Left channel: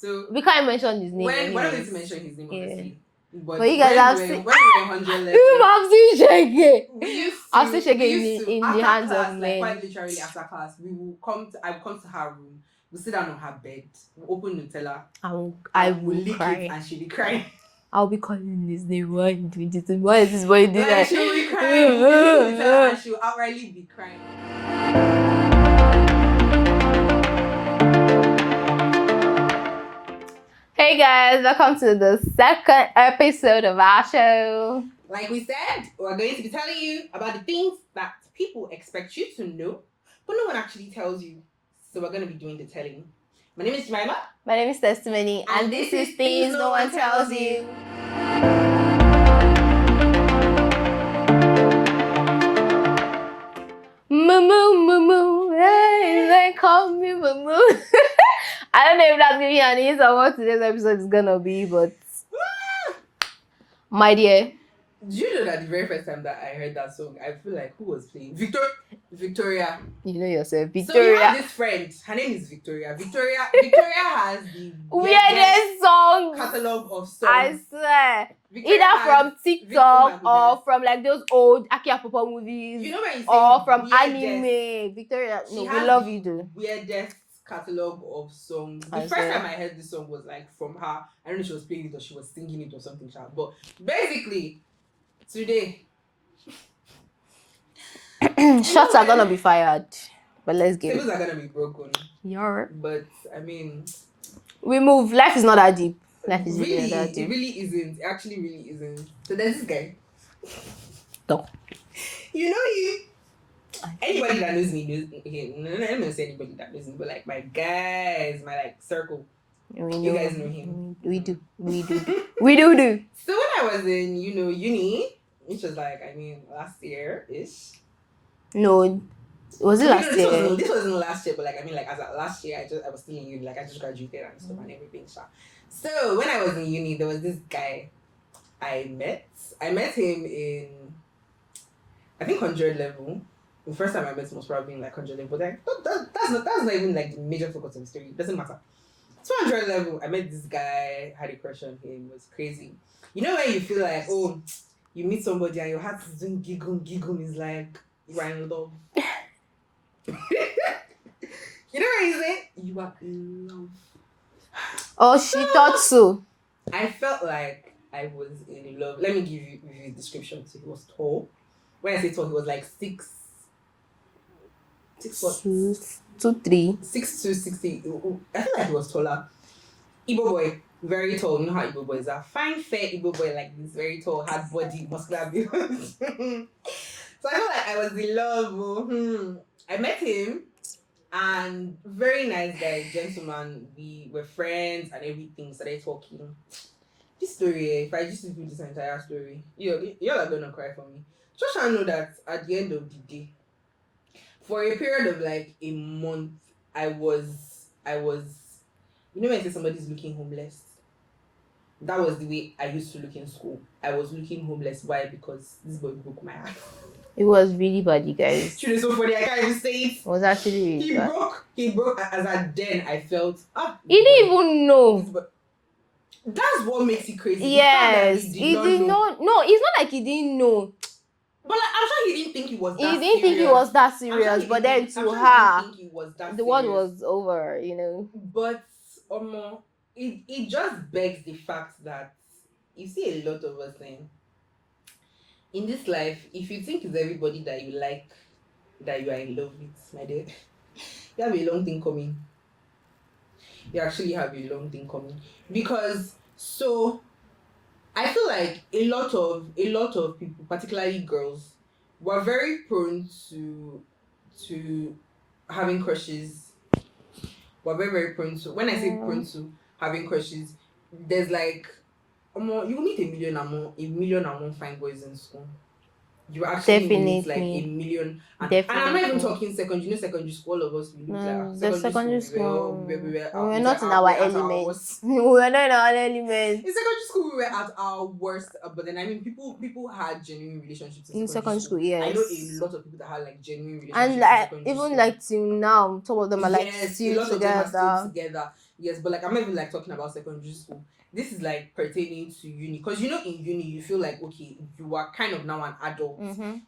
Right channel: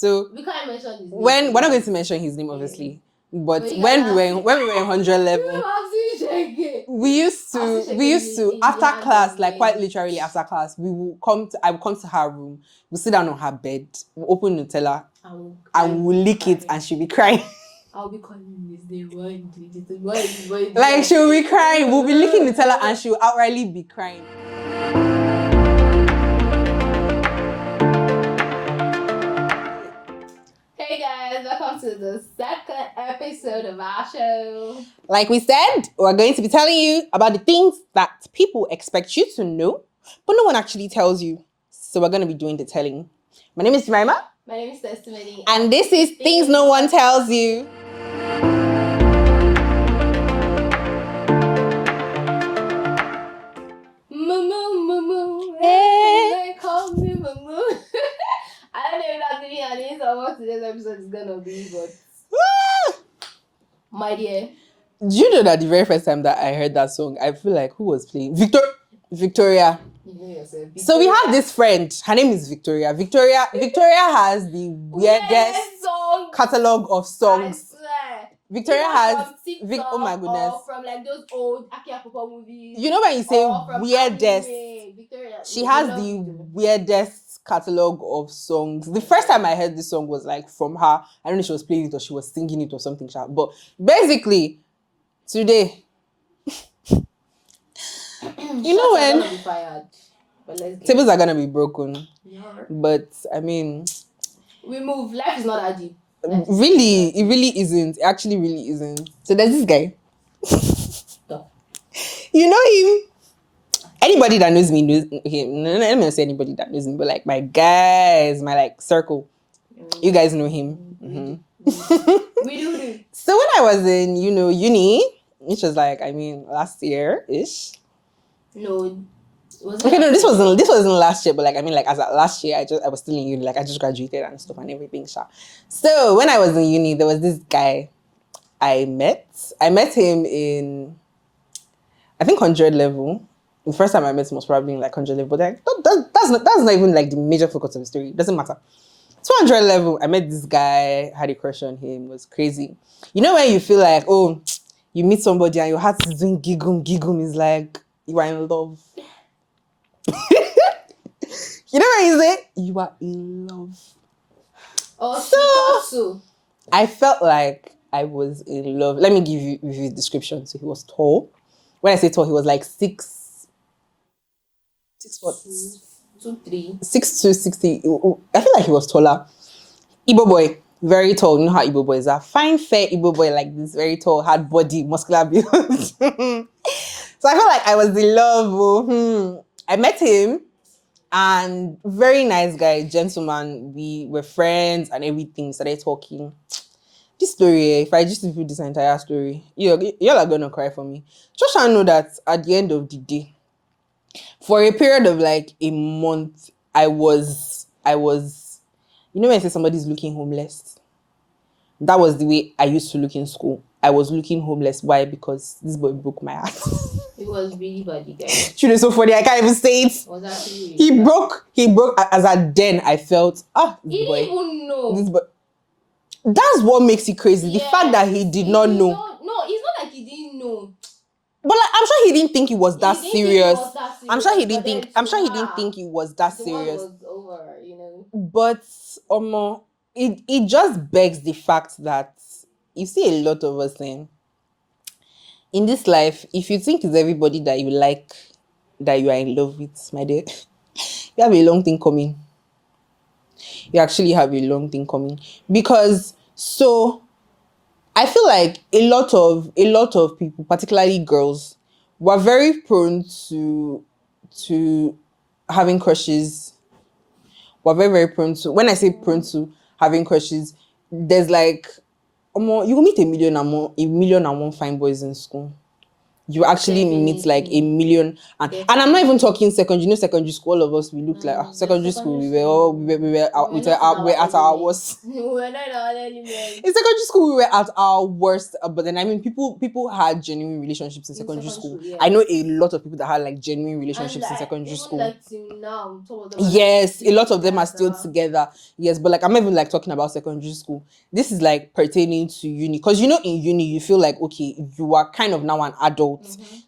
So we can't mention his name. we're not going to mention his name, obviously. But when you we guys were in 100 level, we used to after class, like quite literally after class, I would come to her room, we'll sit down on her bed, we'll open Nutella, and we'll lick it, and she'll be crying. I'll be calling his name. Why is this boy doing like she'll be crying, we'll be licking Nutella, and she'll outrightly be crying. Hey guys, welcome to the second episode of our show. Like we said, we're going to be telling you about the things that people expect you to know, but no one actually tells you. So we're going to be doing the telling. My name is Jemima. My name is Testimony. And this is Things No One Tells You. Moo, hey, they call me Moo. I don't know if that's gonna be an answer or what today's episode is gonna be, but my dear. Do you know that the very first time that I heard that song, I feel like who was playing? Victoria. You know yourself. Victoria. So we have this friend. Her name is Victoria. Victoria has the weirdest song catalog of songs. I swear. Victoria either has, from TikTok or from like those old Aki Apopo movies. You know when you say or from weirdest, anime. Victoria, she has the weirdest catalog of songs. The first time I heard this song was like from her. I don't know if she was playing it or she was singing it or something. But basically, today, shots are gonna be fired. But let's get tables are gonna be broken. Yeah. But I mean, we move. Life is not that deep. Really, it really isn't. It actually really isn't. So there's this guy. No. You know him? Anybody that knows me knows him. No, let me not say anybody that knows me, but like my guys, my like circle. You guys know him. We do. We do. So when I was in, uni, which was like, last year-ish. No. Was it okay, no, this wasn't last year, but like, as at last year, I was still in uni, like I just graduated and stuff and everything. So when I was in uni, there was this guy I met. I met him in, I think 100 level. The first time I met him was probably in like 100 level, but like, that's not even like the major focus of the story. It doesn't matter. 200 level, I met this guy, had a crush on him, it was crazy. You know when you feel like, oh, you meet somebody and your heart is doing gigum, is like, you are in love. You know what you say? You are in love. Oh, she thought so. I felt like I was in love. Let me give you a description. So he was tall. When I say tall, he was like 6 what? 2'3". 6'2", 60. I feel like he was taller. Igbo boy, very tall. You know how Igbo boys are. Fine, fair Igbo boy like this, very tall, hard body, muscular build. So I felt like I was in love. I met him. And very nice guy, gentleman. We were friends and everything. Started talking. This story, if I just repeat this entire story, y'all are gonna cry for me. Just I know that at the end of the day, for a period of like a month, I was. You know when I say somebody's looking homeless? That was the way I used to look in school. I was looking homeless. Why? Because this boy broke my heart. It was really bad, you guys. She was so funny. I can't even say it. It was actually really He bad. broke. As at then, I felt, he didn't even know. That's what makes it crazy. Yes, the fact that he did not know. No, it's not like he didn't know. But like, I'm sure he didn't think it was that serious. Think it was that serious. I'm sure he didn't think it was that serious. The world was over, But it just begs the fact that you see a lot of us saying, in this life, if you think it's everybody that you like, that you are in love with, my dear, you have a long thing coming. You actually have a long thing coming. Because, so, I feel like a lot of people, particularly girls, were very prone to having crushes. Were very, very prone to, when I say prone to having crushes, there's like, you will meet a million and one fine boys in school. you actually meet like a million. And I'm not even talking secondary school. All of us, we looked like secondary school. We're at our worst. We were not in our element. In secondary school, we were at our worst. But then, I mean, people had genuine relationships in secondary school. Yes. I know a lot of people that had like genuine relationships in secondary school. Even like till now, some of them are yes, a lot of them are still together. Yes, but like I'm not even like talking about secondary school. This is like pertaining to uni, because in uni you feel like, okay, you are kind of now an adult.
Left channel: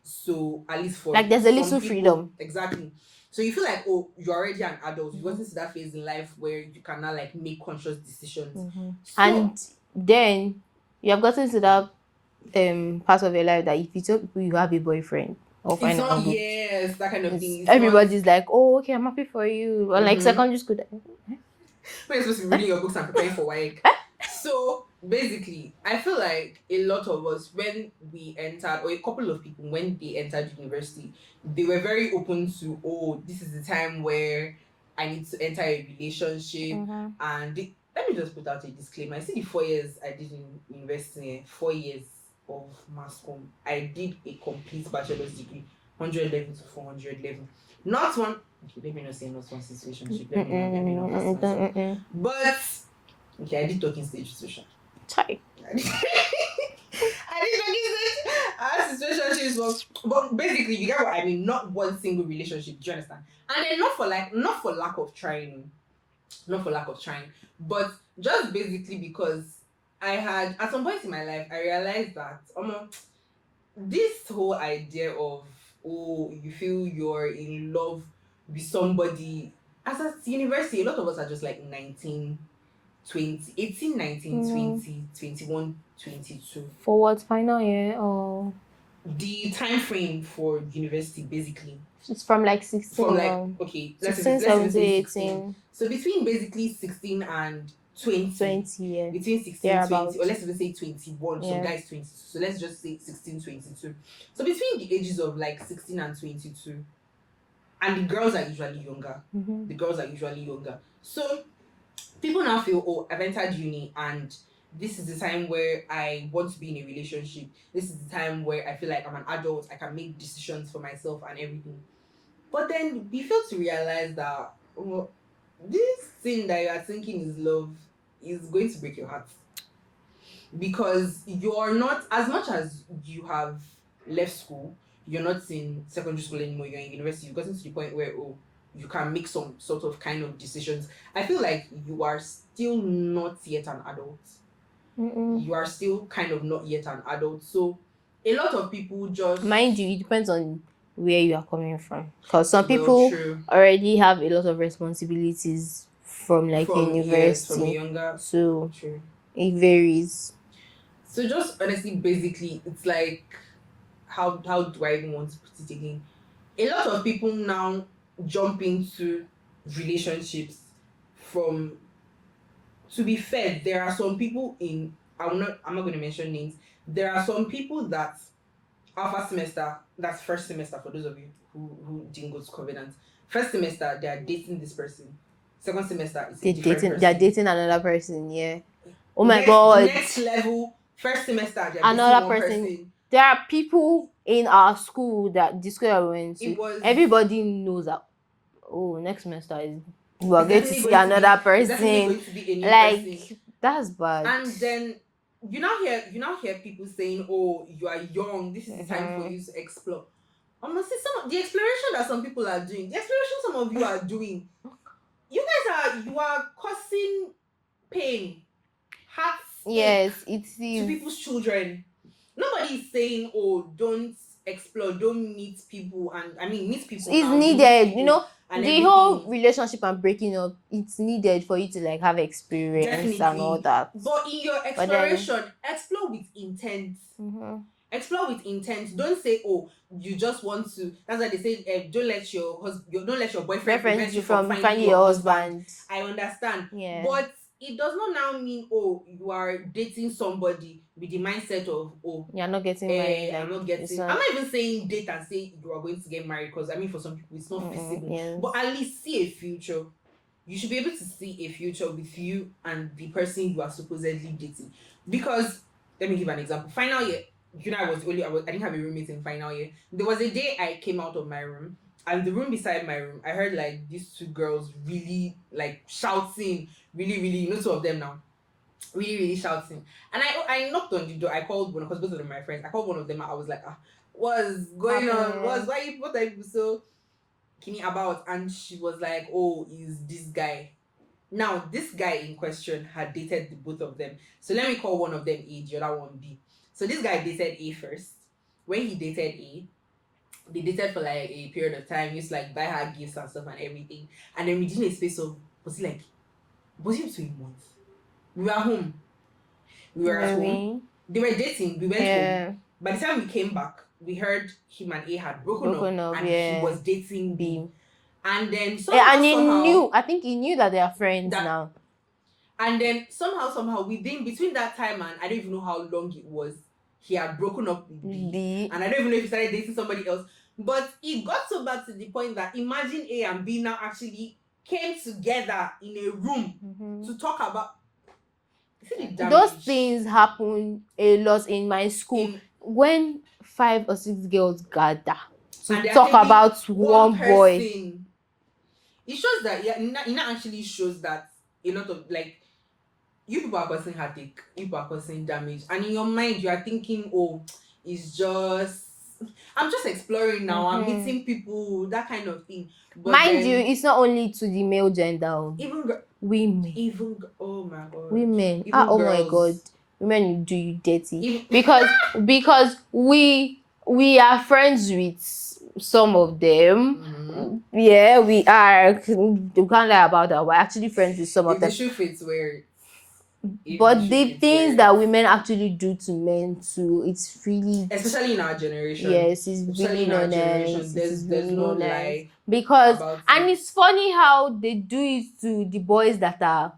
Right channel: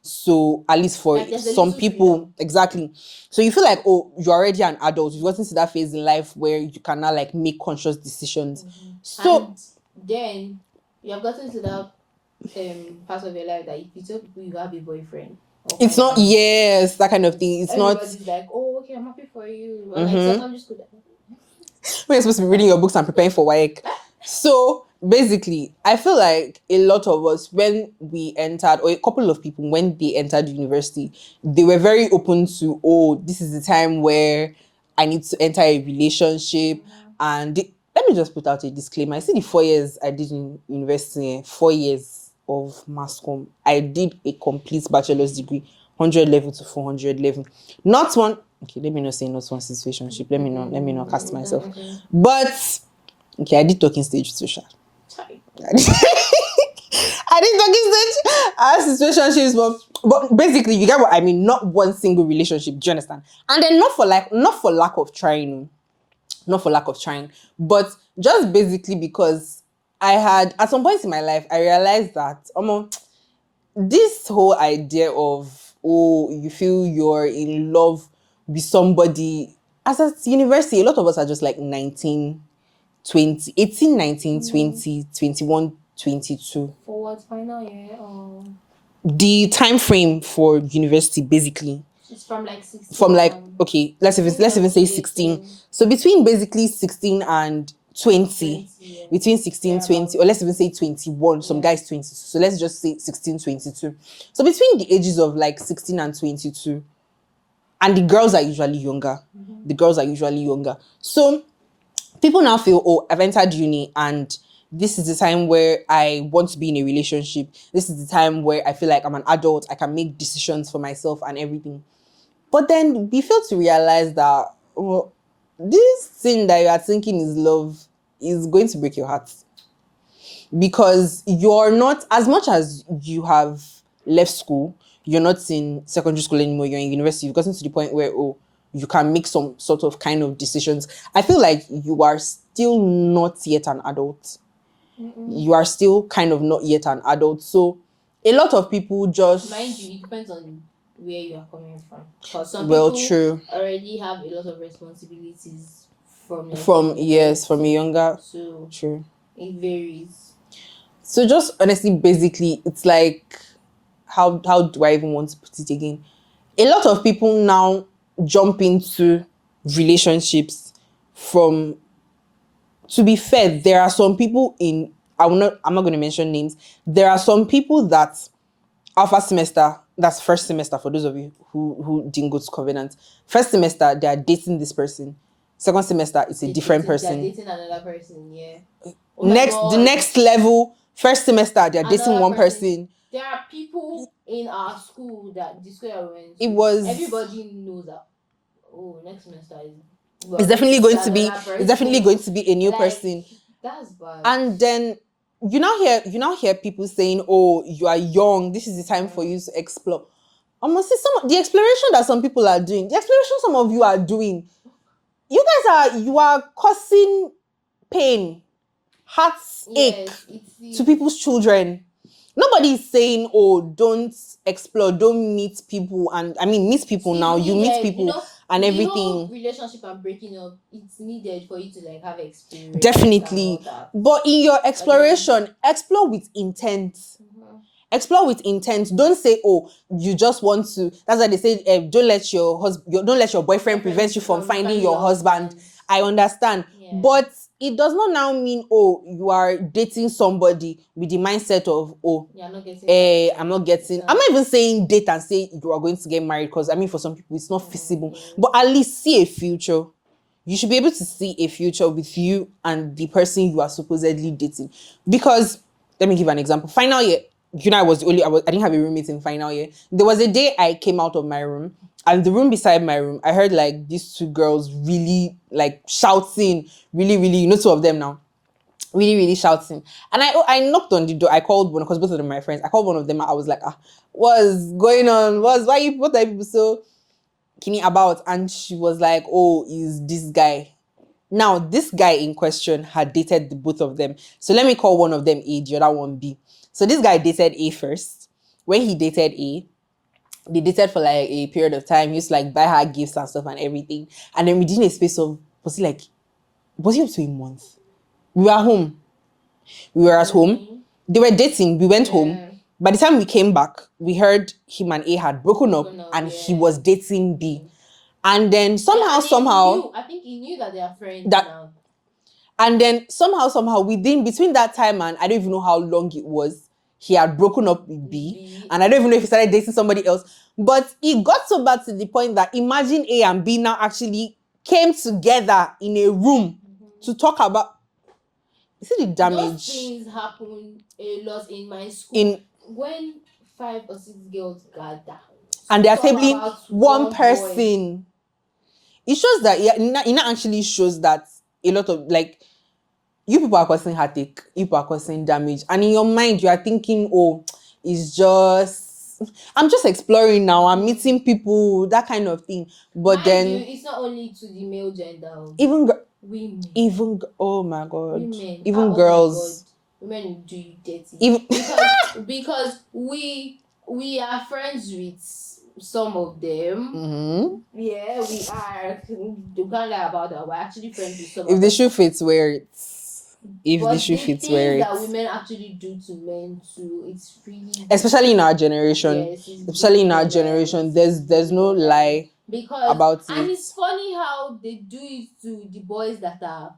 So at least for like some people, freedom. Exactly. So you feel like, oh, you're already an adult. You've gotten to that phase in life where you can now like make conscious decisions. So, and then you have gotten to that part of your life that if you tell people you have a boyfriend, it's not that kind of thing. It's everybody's like, oh, okay, I'm happy for you. Or like secondary school. When you're supposed to be reading your books and preparing for work. So basically, I feel like a lot of us, when we entered, or a couple of people, when they entered university, they were very open to, oh, this is the time where I need to enter a relationship. And let me just put out a disclaimer. I see the 4 years I did in university, 4 years of mass comm. I did a complete bachelor's degree, 100 level to 400 level. Not one, okay, let me not say not one situationship. Let me not cast myself. But okay, I did talking stage social. I did talking stage. I had situationships, but basically, you get what I mean. Not one single relationship. Do you understand? And then not for lack of trying, but just basically because I had at some point in my life I realized that this whole idea of, oh, you feel you're in love with somebody as at university, a lot of us are just like 19, 20, 18, 19, 20, 21, 22. For what? Final year or? The time frame for university, basically. It's from like 16. From like, okay, let's even say 16. 18. So between basically 16 and 20 yeah. Between 16, 20, or let's even say 21, some guys 22. So let's just say 16, 22. So between the ages of like 16 and 22, and the girls are usually younger. So people now feel, oh, I've entered uni and this is the time where I want to be in a relationship. This is the time where I feel like I'm an adult. I can make decisions for myself and everything. But then we fail to realize that this thing that you are thinking is love is going to break your heart. Because you're not, as much as you have left school, you're not in secondary school anymore, you're in university, you've gotten to the point where, you can make some sort of kind of decisions. I feel like you are still not yet an adult. You are still kind of not yet an adult. So a lot of people just... Mind you, it depends on where you are coming from. Because some people already have a lot of responsibilities from from younger. So true. It varies. So just honestly, basically, it's like, how do I even want to put it again? A lot of people now jump into relationships from... To be fair, there are some people in... I'm not going to mention names. There are some people that our first semester, that's first semester for those of you who didn't go to Covenant. First semester, they are dating this person. Second semester, it's a different person. They're dating another person, yeah. Oh my God. The next level, first semester, they're dating one person. There are people in our school that the school I went to, everybody knows that, oh, next semester it's definitely going to be a new person. That's bad. And then you now hear people saying, oh, you are young, this is the time for you to explore. I must say, the exploration that some people are doing, the exploration some of you are doing, you are causing pain, hearts ache to people's children. Nobody is saying, oh, don't explore, don't meet people. And I mean, meet people now. Needed, you meet people and everything. The whole relationship and breaking up, it's needed for you to like have experience. Definitely. And all that. But in your exploration, explore with intent. Explore with intent. Don't say, oh, you just want to. That's why they say, don't let your boyfriend prevent you from finding your husband. I understand. Yeah. But it does not now mean, oh, you are dating somebody with the mindset of, oh, you're not getting married. I'm not even saying date and say you are going to get married, because I mean, for some people it's not feasible. Yeah. But at least see a future. You should be able to see a future with you and the person you are supposedly dating. Because let me give an example. Final year, I didn't have a roommate in final year. There was a day I came out of my room, and the room beside my room, I heard like these two girls really like shouting, really, really, two of them now, really, really shouting. And I knocked on the door. I called one, because both of them are my friends. I called one of them. I was like, what's going on? What are people so keening about? And she was like, oh, is this guy. Now, this guy in question had dated the both of them. So let me call one of them A, the other one B. So this guy dated A first. When he dated A, they dated for like a period of time. He used to like buy her gifts and stuff and everything. And then within a space of, was it up to a month? We were home. We were at home. They were dating. We went home. By the time we came back, we heard him and A had broken up and he was dating B. And then somehow, I think he knew that they are friends now. And then somehow, between that time and I don't even know how long it was, he had broken up with B. And I don't even know if he started dating somebody else. But it got so bad to the point that imagine A and B now actually came together in a room to talk about. See the damage. Those things happen a lot in my school. When 5 or 6 girls gather and they're talk about one person. Boy. It shows that it actually shows that a lot of like you people are causing heartache, you people are causing damage, and in your mind you are thinking, oh, I'm just exploring now. I'm meeting people, that kind of thing. But mind then, you, it's not only to the male gender. Even women. Oh my god. Women. Even girls. Oh my god. Women do you dirty. Because we are friends with some of them. Yeah, we are. You can't lie about that. We're actually friends with some of them. If the shoe fits, wear it. But the things that women actually do to men too, it's really, especially in our generation. Yes, especially in our generation, there's no lie because about it. And it's funny how they do it to the boys that are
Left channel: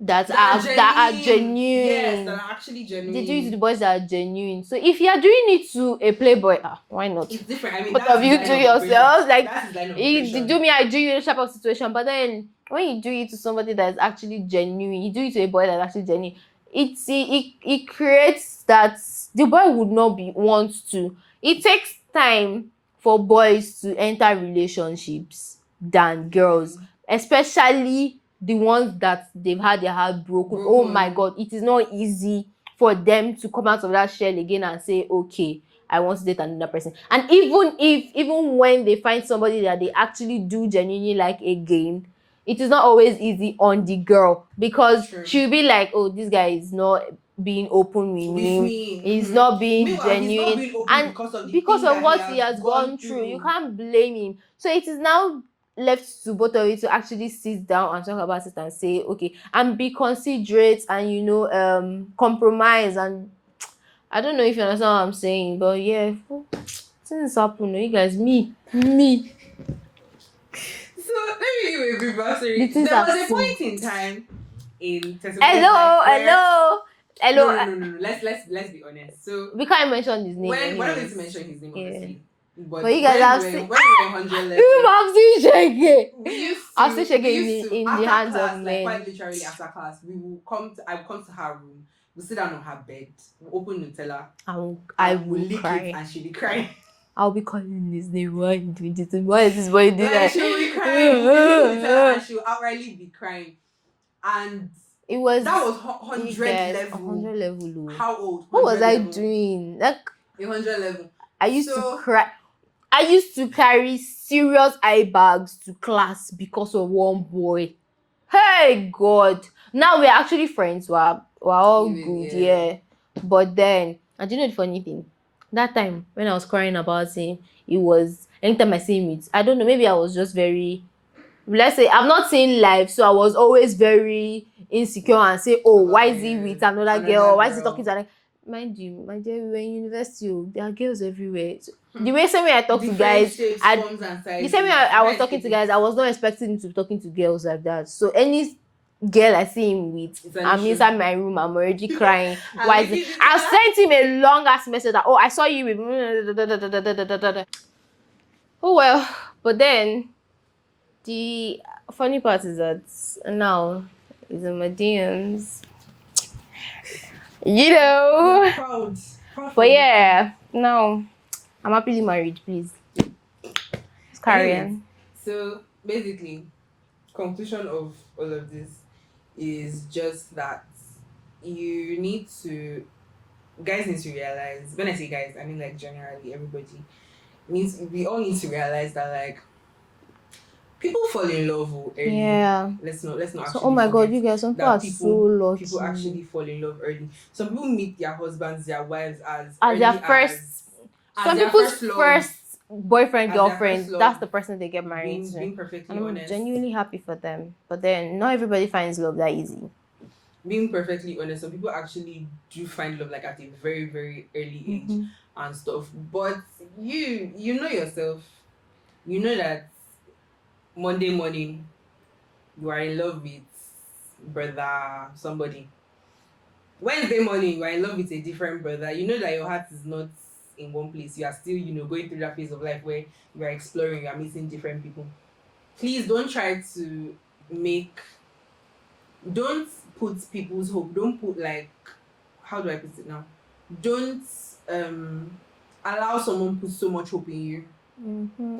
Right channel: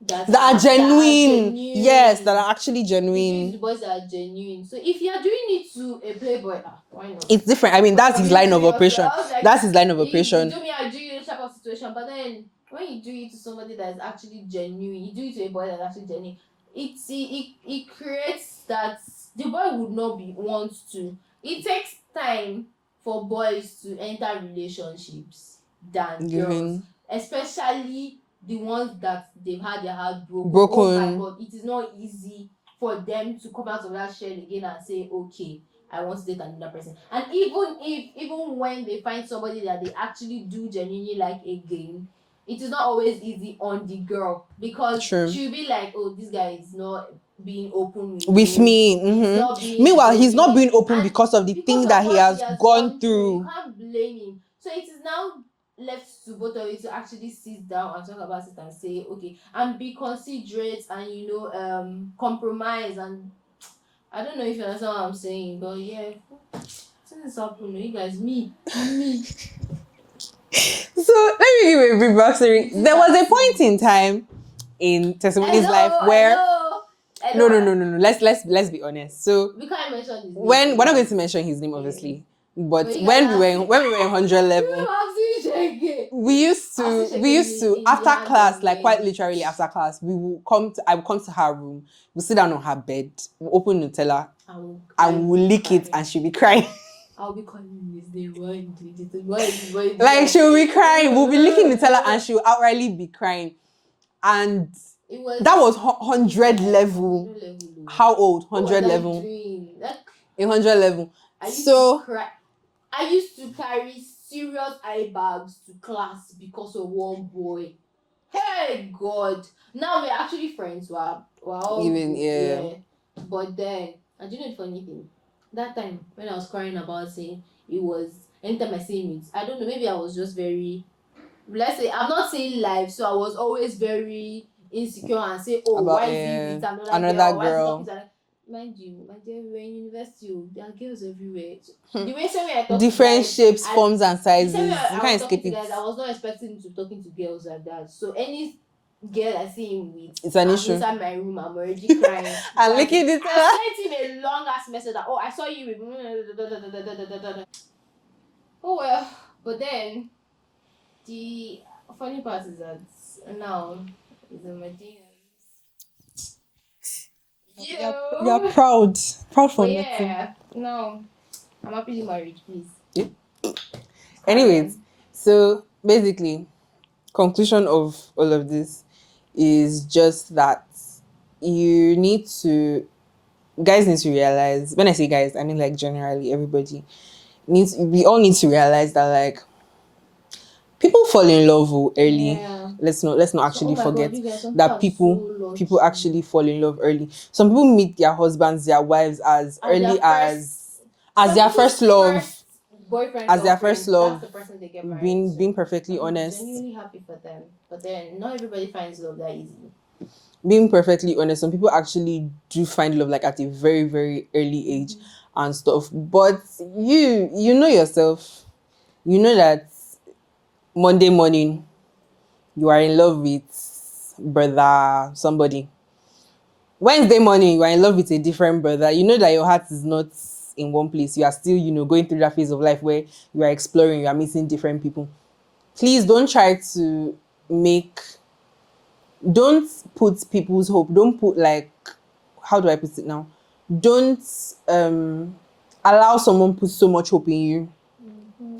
genuine. Yes, that are actually genuine. They do it to the boys that are genuine. So if you are doing it to a playboy, why not? It's different. I mean, that's his line of operation. Like, that's his line of operation. You do me, I do you, type of situation. But then when you do it to somebody that is actually genuine, you do it to a boy that's actually genuine, it creates that the boy would not want to. It takes time for boys to enter relationships than girls, especially the ones that they've had their heart broken. Oh my god, it is not easy for them to come out of that shell again and say, okay, I want to date another person. And even when they find somebody that they actually do genuinely like again, it is not always easy on the girl, because she'll be like, oh, this guy is not being open with me. He's not being Meanwhile, genuine. He's not being open because of the thing that he has gone through. You can't blame him. So it is now left to both of you to actually sit down and talk about it and say, okay, and be considerate and compromise. And I don't know if you understand what I'm saying, but yeah, things happen. You guys, me. So let me give you a brief backstory. There was a point in time in Testimony's life where Hello. No. Let's be honest. So we can't mention his name. We're not going to mention his name, obviously. But when we were in 100 level, we used to after class, like quite literally after class, I would come to her room, we'll sit down on her bed, we'll open Nutella, and we'll lick it, and she'll be crying. I'll be calling his name. Why is this boy doing like she'll be crying, we'll be licking Nutella, and she'll outrightly be crying. And that was 100 level. 100 level. How old? 100 what was level. I doing? Like 100 level. I used to cry. I used to carry serious eye bags to class because of one boy. Hey God! Now we're actually friends. We're all good, yeah. But then, I didn't know the funny thing. That time when I was crying about him, it was anytime I see him, I don't know. Maybe I was just very. Let's say I'm not saying live, so I was always very insecure and say, "Oh, why is he with another girl? Why is he talking to her?" Mind you, my dear, we were in university. There are girls everywhere. So the same way I talk to guys, different shapes, forms, and sizes. The same way I was talking to guys, I was not expecting him to be talking to girls like that. So any girl I see him with, I'm inside my room. I'm already crying. I sent him a long ass message that, oh, I saw you with. Oh well, but then the funny part is that now he's in my DMs. You're proud. But yeah, no, I'm happily married, please. Anyways, so basically, conclusion of all of this is just that you need to, guys need to realize, when I say guys, I mean like generally everybody we all need to realize that like people fall in love early. Yeah. Let's not actually forget that people actually fall in love early. Some people meet their husbands, their wives as early as their first love. Boyfriend, girlfriend, that's the person they get married to. Being perfectly honest. I'm genuinely happy for them. But then not everybody finds love that easy. Being perfectly honest, some people actually do find love like at a very, very early age and stuff. But you know yourself. You know that Monday morning you are in love with brother somebody. Wednesday morning you are in love with a different brother. You know that your heart is not in one place. You are still, going through that phase of life where you are exploring, you are meeting different people. Please don't try to don't put people's hope. Don't put how do I put it now? Don't allow someone put so much hope in you.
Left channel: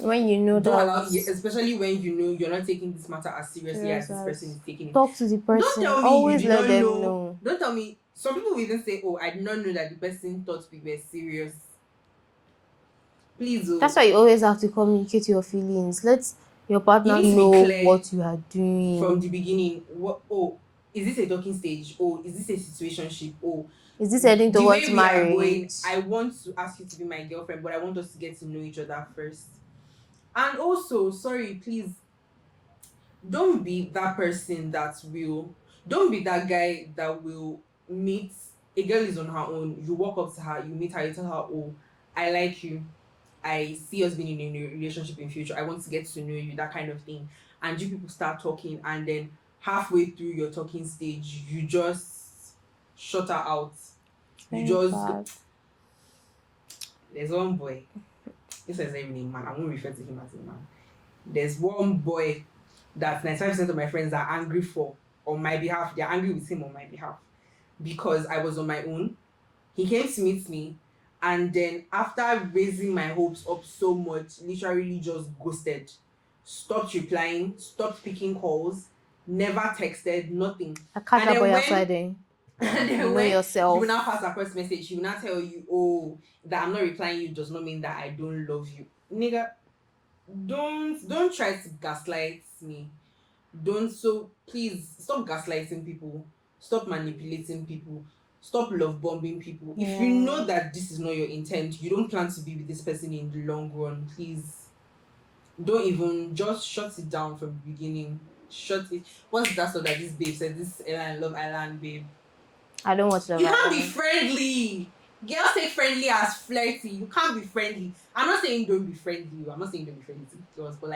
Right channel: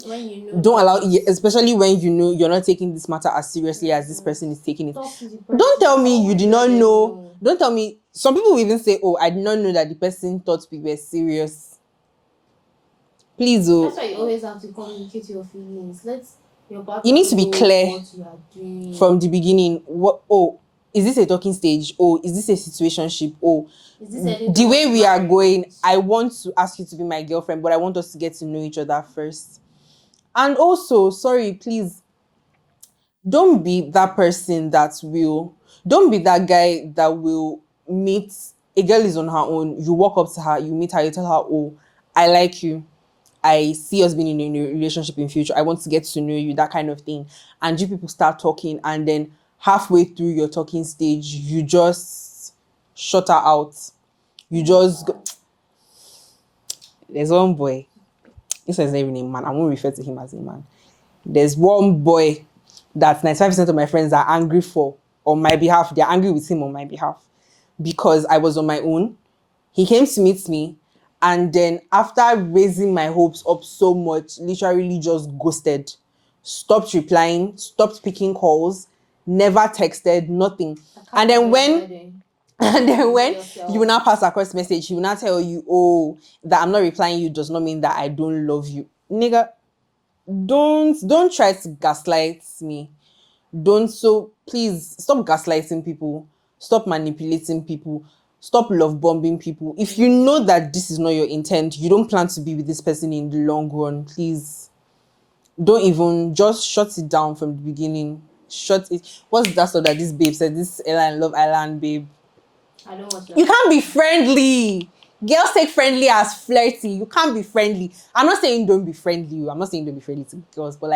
When you know, don't allow, especially when you know you're not taking this matter as seriously as this person is taking it. Talk to the person. Don't tell me you did not know. Don't tell me. Some people will even say, "Oh, I did not know that the person thought we were serious." Please, that's why you always have to communicate your feelings. Let your partner you need to be clear what you are doing from the beginning. Is this a talking stage? Oh, is this a situationship? Oh, is this heading the way we are going? I want to ask you to be my girlfriend, but I want us to get to know each other first. And also, sorry, please, don't be that person don't be that guy that will meet a girl is on her own. You walk up to her, you meet her, you tell her, "Oh, I like you. I see us being in a relationship in future. I want to get to know you," that kind of thing. And you people start talking, and then halfway through your talking stage, you just shut her out. You just go. There's one boy. This is not even a man. I won't refer to him as a man. There's one boy that 95% of my friends are angry for on my behalf. They're angry with him on my behalf because I was on my own. He came to meet me, and then after raising my hopes up so much, literally just ghosted. Stopped replying, stopped picking calls, never texted, nothing. And then when you will now pass across message, he will now tell you, "Oh, that I'm not replying you does not mean that I don't love you." Nigga, don't try to gaslight me. So please stop gaslighting people. Stop manipulating people. Stop love bombing people. If you know that this is not your intent, you don't plan to be with this person in the long run, please don't even, just shut it down from the beginning. Shut it. What's that stuff that this babe said? This Love Island babe. I don't watch that. You can't be friendly. Girls take friendly as flirty. You can't be friendly. I'm not saying don't be friendly. I'm not saying don't be friendly to girls, but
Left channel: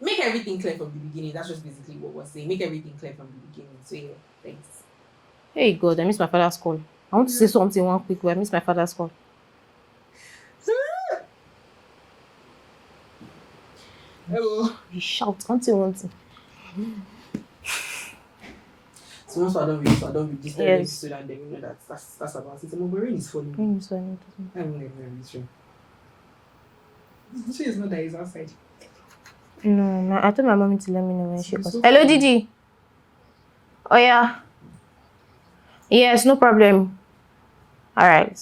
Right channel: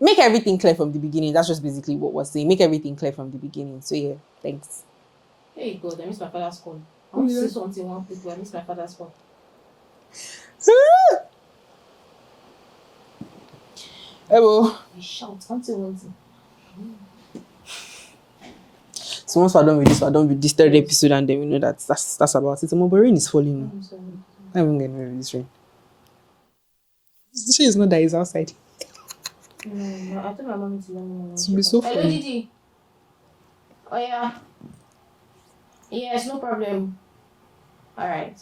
make everything clear from the beginning. That's just basically what we're saying. Make everything clear from the beginning. So yeah, thanks. Hey God, I miss my father's call. I want to say something one quick way. I miss my father's call. Hello. You shout. One thing. So once we're done with this third episode, and then we know that's about it. My rain is falling. I'm even getting this rain. She is not that he's outside. No. I told my mommy to let me know when she goes. Hello, Didi. Oh yeah. Yes, no problem. All right.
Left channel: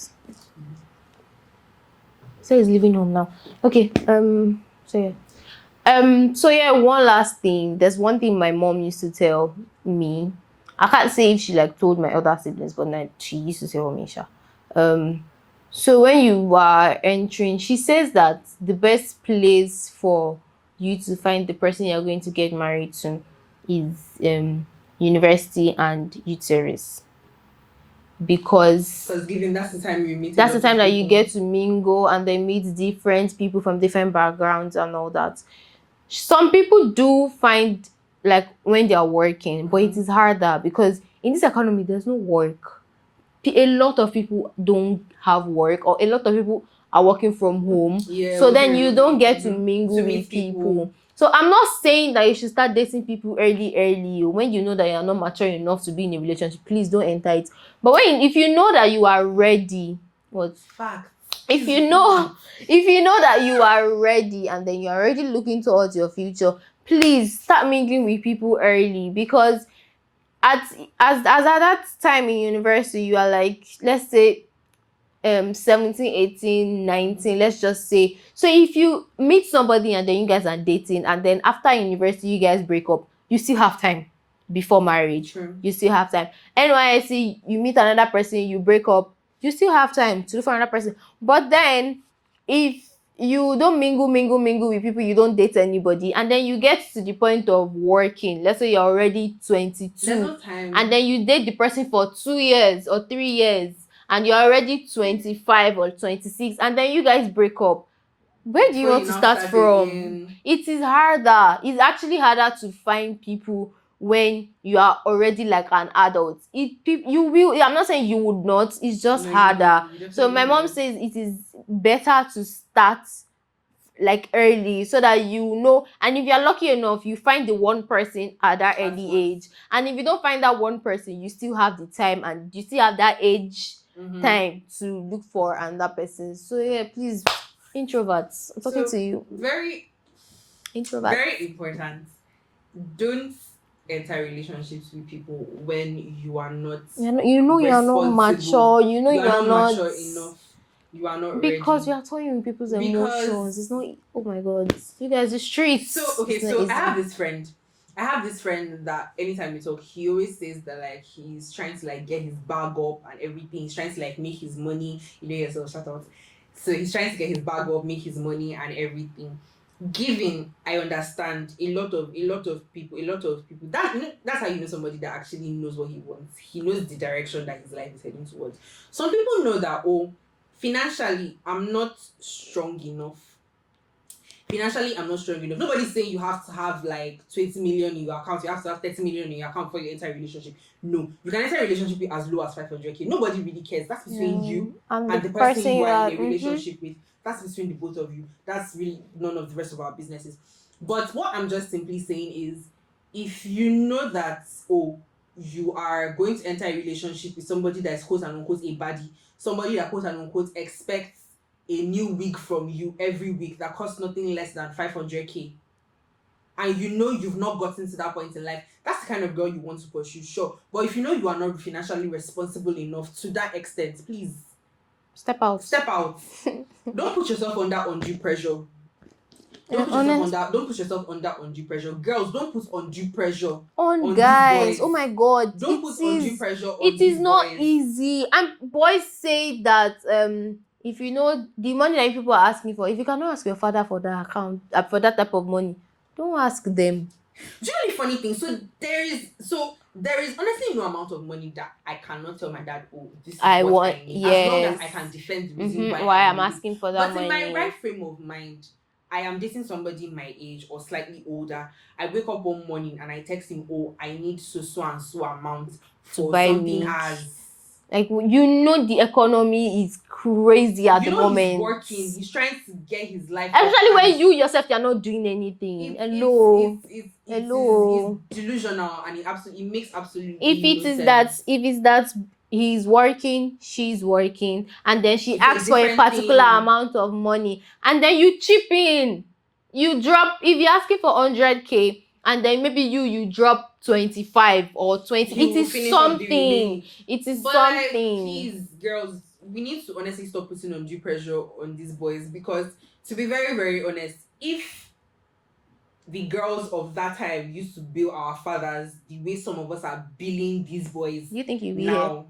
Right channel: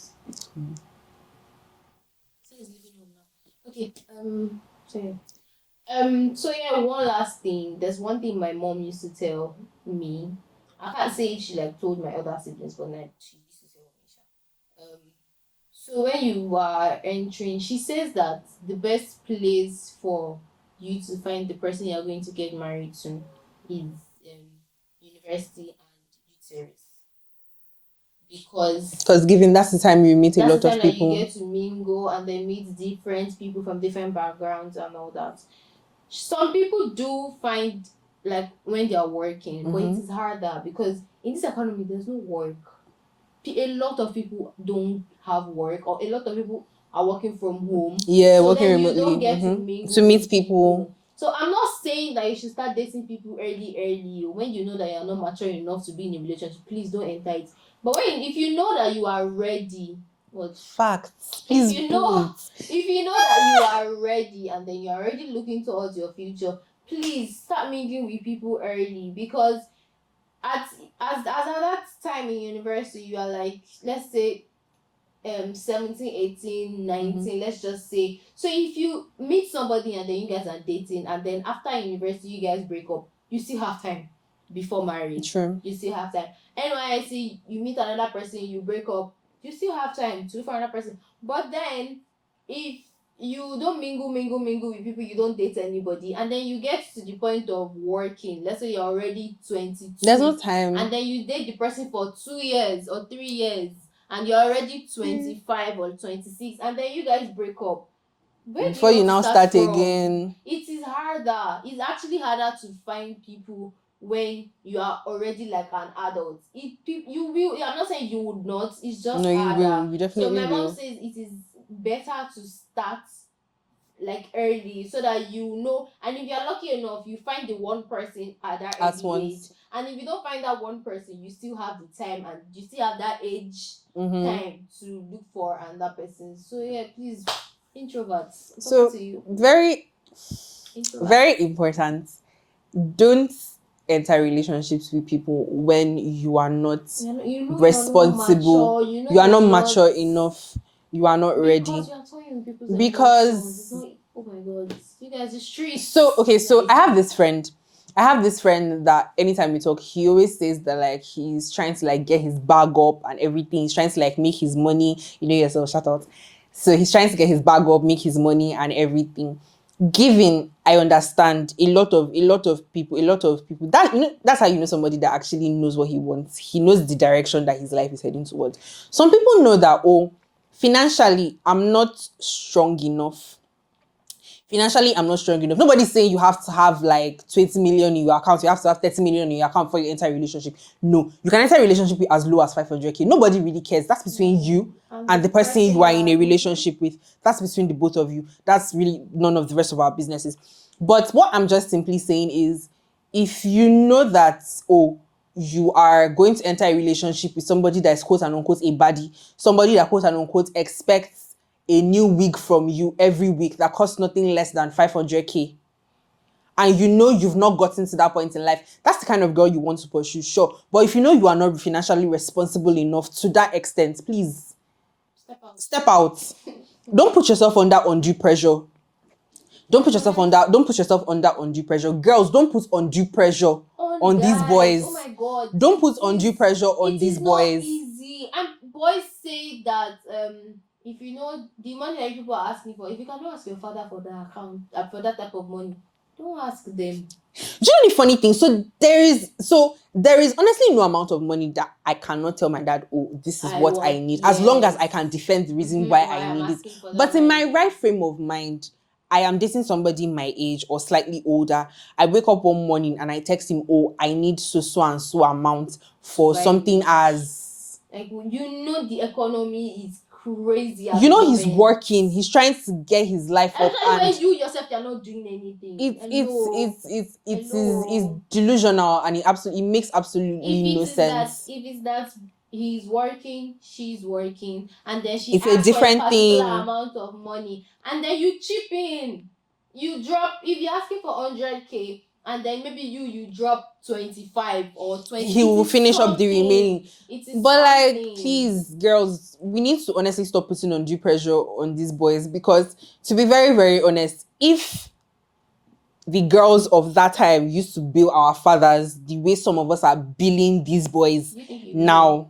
So he's leaving home now. Okay. So yeah, one last thing. There's one thing my mom used to tell me. I can't say if she told my other siblings, but she used to tell me, so when you are entering, she says that the best place for you to find the person you're going to get married to is university and uterus. Because given that's the time you meet. That's the time that you get to mingle and then meet different people from different backgrounds and all that. Some people do find when they are working, but it is harder because in this economy there's no work. A lot of people don't have work, or a lot of people are working from home. Yeah, so then you don't get to mingle to meet people. So I'm not saying that you should start dating people early. When you know that you're not mature enough to be in a relationship, please don't enter it. But if you know that you are ready, What? Facts. If you know that you are ready and then you're already looking towards your future, please start mingling with people early, because as at that time in university, you are like, let's say 17, 18, 19, let's just say. So if you meet somebody and then you guys are dating, and then after university you guys break up, you still have time before marriage. True. You still have time. NYSC, you meet another person, you break up, you still have time to look for another person. But then if you don't mingle with people, you don't date anybody, and then you get to the point of working, let's say you're already 22, there's no time, and then you date the person for 2 years or 3 years, and you're already 25 or 26, and then you guys break up, where do you want to start from? Again. It is harder. It's actually harder to find people when you are already like an adult. I'm not saying you would not, it's just harder. So my mom says it is better to start like early, so that you know, and if you're lucky enough, you find the one person at that early age, and if you don't find that one person, you still have the time, and you still have that age time to look for another person. So yeah, please, introverts, I'm talking to you. Very important. Don't enter relationships with people when you are not responsible. You are not mature enough. You are not ready. Because you are toying with people's emotions. It's not, oh my God. You guys are streets. So I have this friend. That anytime we talk, he always says that like he's trying to like get his bag up and everything. He's trying to like make his money. You know yourself, shout out. So he's trying to get his bag up, make his money and everything. Giving, I understand a lot of people that's how you know somebody that actually knows what he wants. He knows the direction that his life is heading towards. Some people know that, financially, I'm not strong enough. Nobody's saying you have to have like 20 million in your account. You have to have 30 million in your account for your entire relationship. No, you can enter a relationship with as low as 500k. Nobody really cares. That's between you and the person you are in a relationship with. That's between the both of you. That's really none of the rest of our businesses. But what I'm just simply saying is, if you know that, you are going to enter a relationship with somebody that is quote and unquote a baddie, somebody that quote and unquote expects a new wig from you every week that costs nothing less than 500k, and you know you've not gotten to that point in life, that's the kind of girl you want to pursue, sure. But if you know you are not financially responsible enough to that extent, please step out. Don't put yourself under undue pressure. Don't put yourself under undue pressure. Girls, don't put undue pressure on these boys. Oh my God. Don't put undue pressure on these boys. It is not easy. And boys say that if you know the money that people are asking for, if you cannot ask your father for that account, for that type of money, don't ask them. Do you know the funny thing? So there is honestly no amount of money that I cannot tell my dad, this is what I need. Yes. As long as I can defend the reason why I'm asking for that. But in my right frame of mind, I am dating somebody my age or slightly older. I wake up one morning and I text him, I need so and so amount for something as... Like, the economy is crazy at the moment. He's working. He's trying to get his life up. Especially when you yourself, you're not doing anything. It's delusional, and it makes absolutely no sense. If it's that he's working, she's working, and then she asks for a particular amount of money, and then you chip in. You drop, if you're asking for 100k, and then maybe you drop 25 or 20. He will finish up the remaining. It is but something. Please, girls, we need to honestly stop putting undue pressure on these boys, because to be very, very honest, if the girls of that time used to bill our fathers the way some of us are billing these boys now,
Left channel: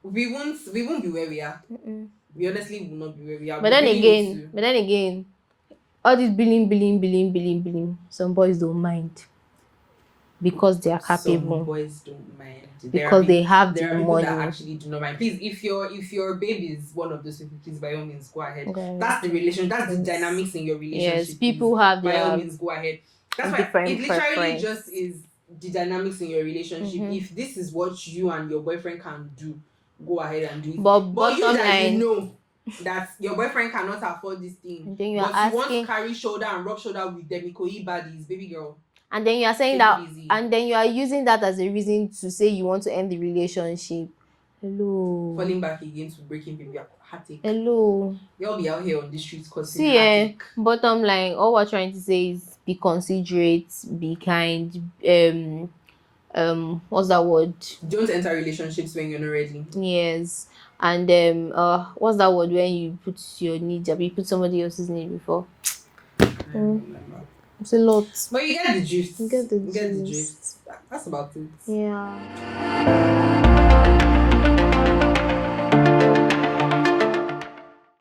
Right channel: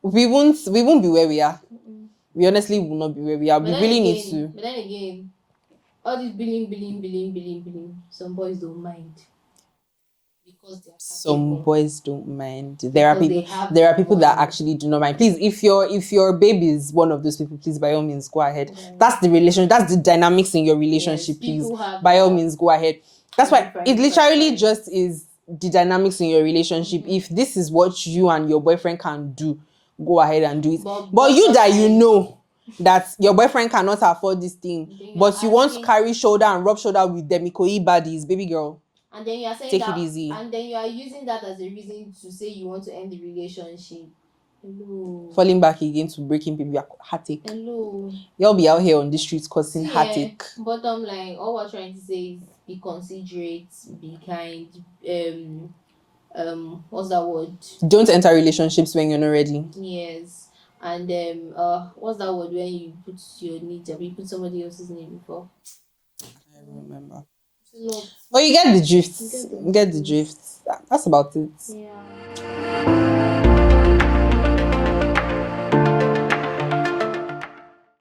we won't be where we are. We honestly will not be where we are. But then again, all this billing, some boys don't mind. Because they are capable. Some boys don't mind. There are people that actually do not mind. Please, if your baby is one of those people, please by all means go ahead. Okay. That's the dynamics in your relationship. Yes, people have by all means go ahead. That's why it literally just is the dynamics in your relationship. If this is what you and your boyfriend can do, go ahead and do it. But you that you know that your boyfriend cannot afford this thing, but you want to carry shoulder and rub shoulder with them Ikoyi baddies, baby girl. And then you are saying that, and then you are using that as a reason to say you want to end the relationship. Hello. Falling back again to breaking people. Heartache. Hello. Y'all be out here on the streets causing heartache. Bottom line, all we're trying to say is be considerate, be kind. What's that word? Don't enter relationships when you're not ready. Yes. And what's that word when you put your needs up? You put somebody else's need before. It's a lot. But you get the drift. You get the drift. That's about it. Yeah.